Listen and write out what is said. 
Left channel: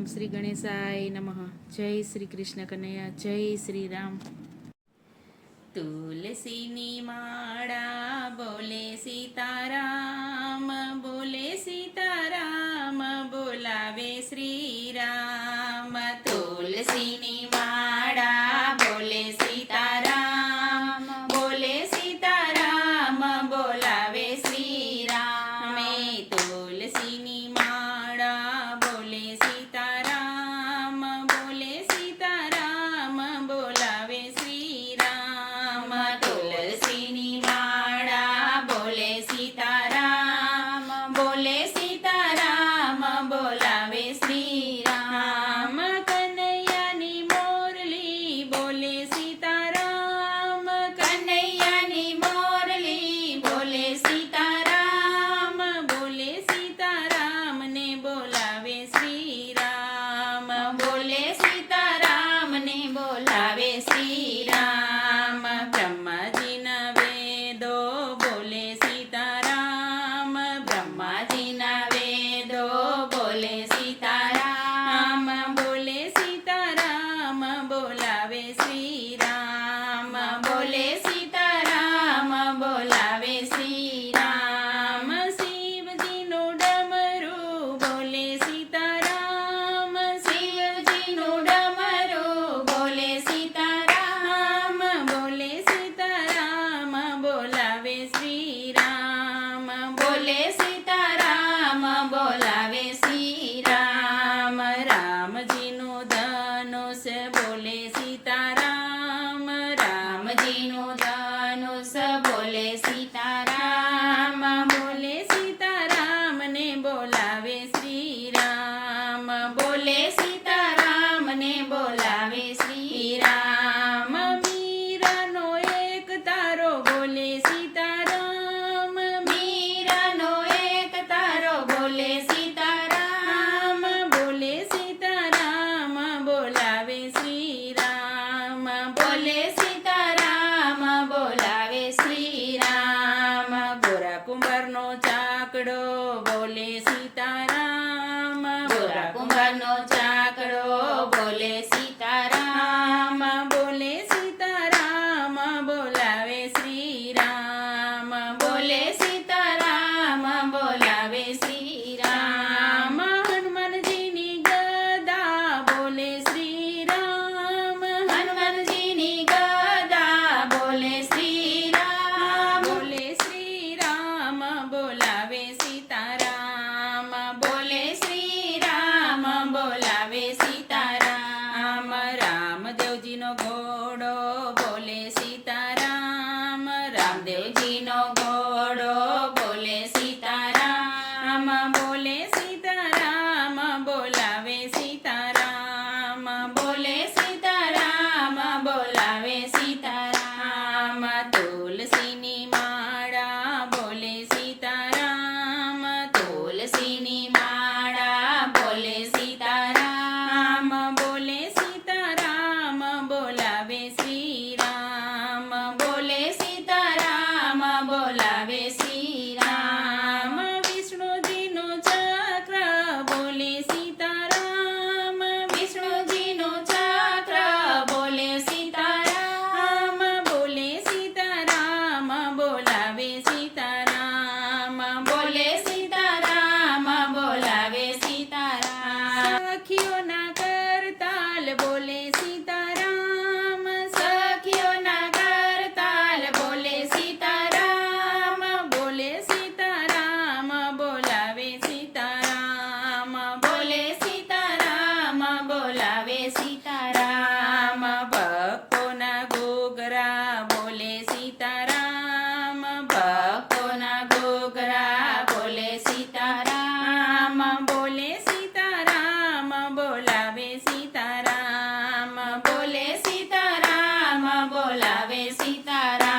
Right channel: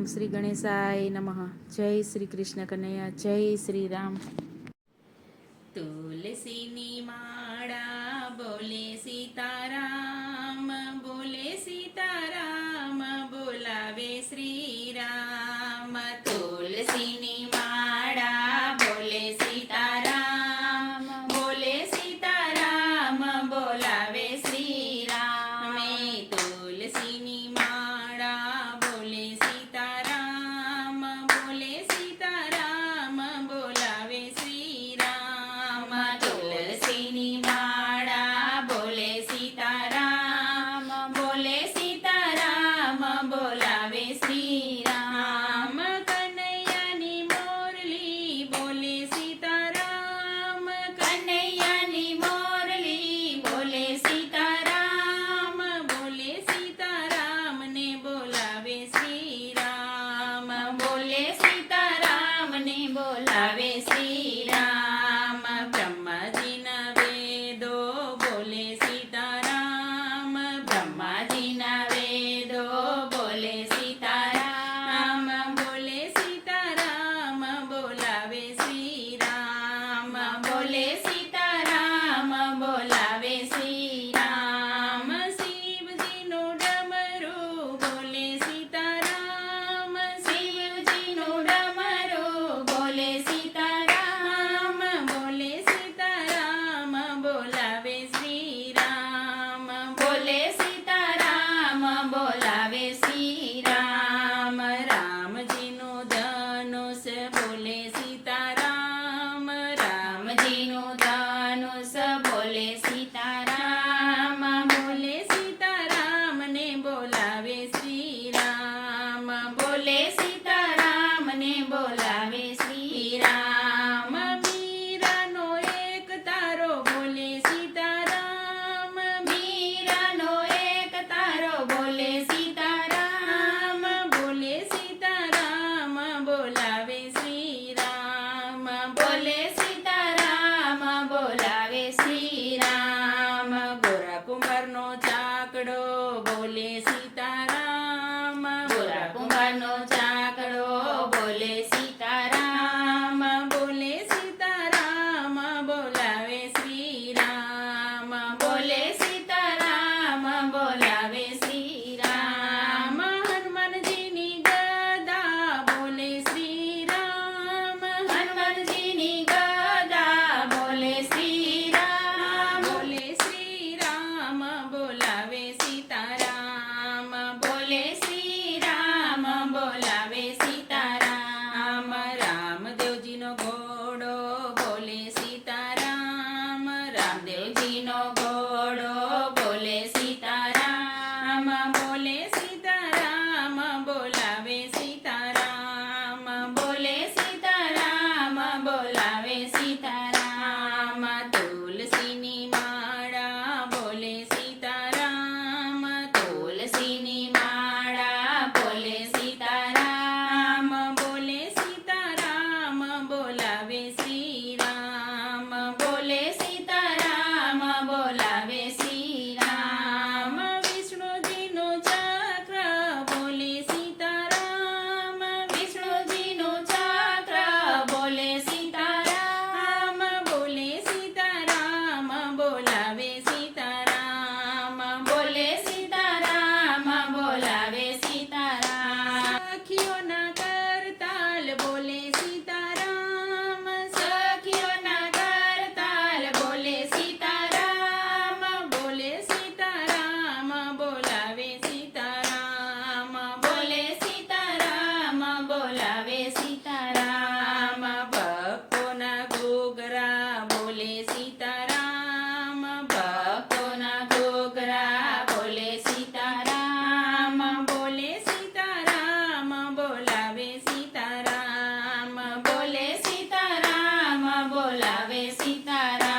ઓમ શ્રી ગણેશાય નમઃ. જય શ્રી કૃષ્ણ કનૈયા, જય શ્રી રામ. તુલસીની માળા બોલે સીતારામ, બોલે સીતારામ, બોલાવે શ્રી રામ. તુલસીની માળા બોલે સીતારામ, બોલે સીતારામ, બોલાવે શ્રી રામ. તુલસીની માળા બોલે સીતારામ, બોલે સીતારામ, બોલાવે શ્રી રામ. તુલસીની માળા બોલે સીતારામ, બોલે સીતારામ, બોલાવે શ્રી રામ. કનૈયાની મોરલી બોલે સીતારામ, કનૈયાની મોરલી બોલે સીતારામ, બોલે સીતારામ ને બોલાવે શ્રી રામ, બોલે સીતારામ ને બોલાવે શ્રી રામ. બ્રહ્માજીના વેદો બોલે સીતારામ, બ્રહ્માજીના વેદો બોલે સીતારામ, બોલે સીતારામ, બોલાવે શ્રી રામ, બોલે સીતારામ, બોલાવે શ્રી રામ. શિવજીનું ડમરું બોલે સીતારામ, શિવજીનું ડમરું બોલે સીતારામ, બોલે સીતારામ, બોલાવે શ્રી રામ, બોલે સીતારામ, બોલાવે શ્રી રામ. રામજીનું ધનુષ બોલે સીતારામ, રામજીનું ધનુષ બોલે સીતારામ, બોલે સીતારામ ને બોલાવે શ્રી રામ, બોલે સીતારામ ને બોલાવે શ્રી રામ. મીરાનો એક તારો બોલે સીતારામ, મીરાનો એક તારો બોલે સીતારામ, બોલે સીતારામ, બોલાવે શ્રી રામ, બોલે સીતારામ, બોલાવે શ્રી રામ. ગોરા કુંભારનો ચાકડો બોલે સીતારામ, ગોરા કુંભારનો ચાકડો બોલે સીતારામ, બોલે સીતારામ, બોલાવે શ્રી રામ, બોલે સીતારામ, બોલાવે શ્રી રામ. હનુમાનજીની ગદા બોલે શ્રી રામ, હનુમાનજીની ગદા બોલે શ્રી રામ, બોલે શ્રી રામ, બોલાવે સીતારામ, બોલે શ્રી રામ, બોલાવે સીતારામ. રામદેવજીનો ઘોડો બોલે સીતારામ, રામદેવજીનો ઘોડો બોલે સીતારામ, બોલે સીતારામ, બોલાવે સીતારામ, બોલે સીતારામ, બોલાવે સીતારામ. તુલસીની માળા બોલે સીતારામ, તુલસીની માળા બોલે સીતારામ, બોલે સીતારામ, બોલાવે શ્રી રામ, બોલે સીતારામ, બોલાવે શ્રી રામ. વિષ્ણુજીનું ચક્ર બોલે સીતારામ, વિષ્ણુજીનું ચક્ર બોલે સીતારામ, બોલે સીતારામ, બોલાવે સીતારામ, બોલે સીતારામ, બોલાવે સીતારામ. સખીઓના કરતાલ બોલે સીતારામ, સખીઓના કરતાલ બોલે સીતારામ, બોલે સીતારામ, બોલાવે સીતારામ, બોલે સીતારામ, બોલાવે સીતારામ. ભક્તોના ઘોઘરા બોલે સીતારામ, ભક્તોના ઘોઘરા બોલે સીતારામ, બોલે સીતારામ, બોલાવે સીતારામ, બોલે સીતારામ, બોલાવે સીતારામ.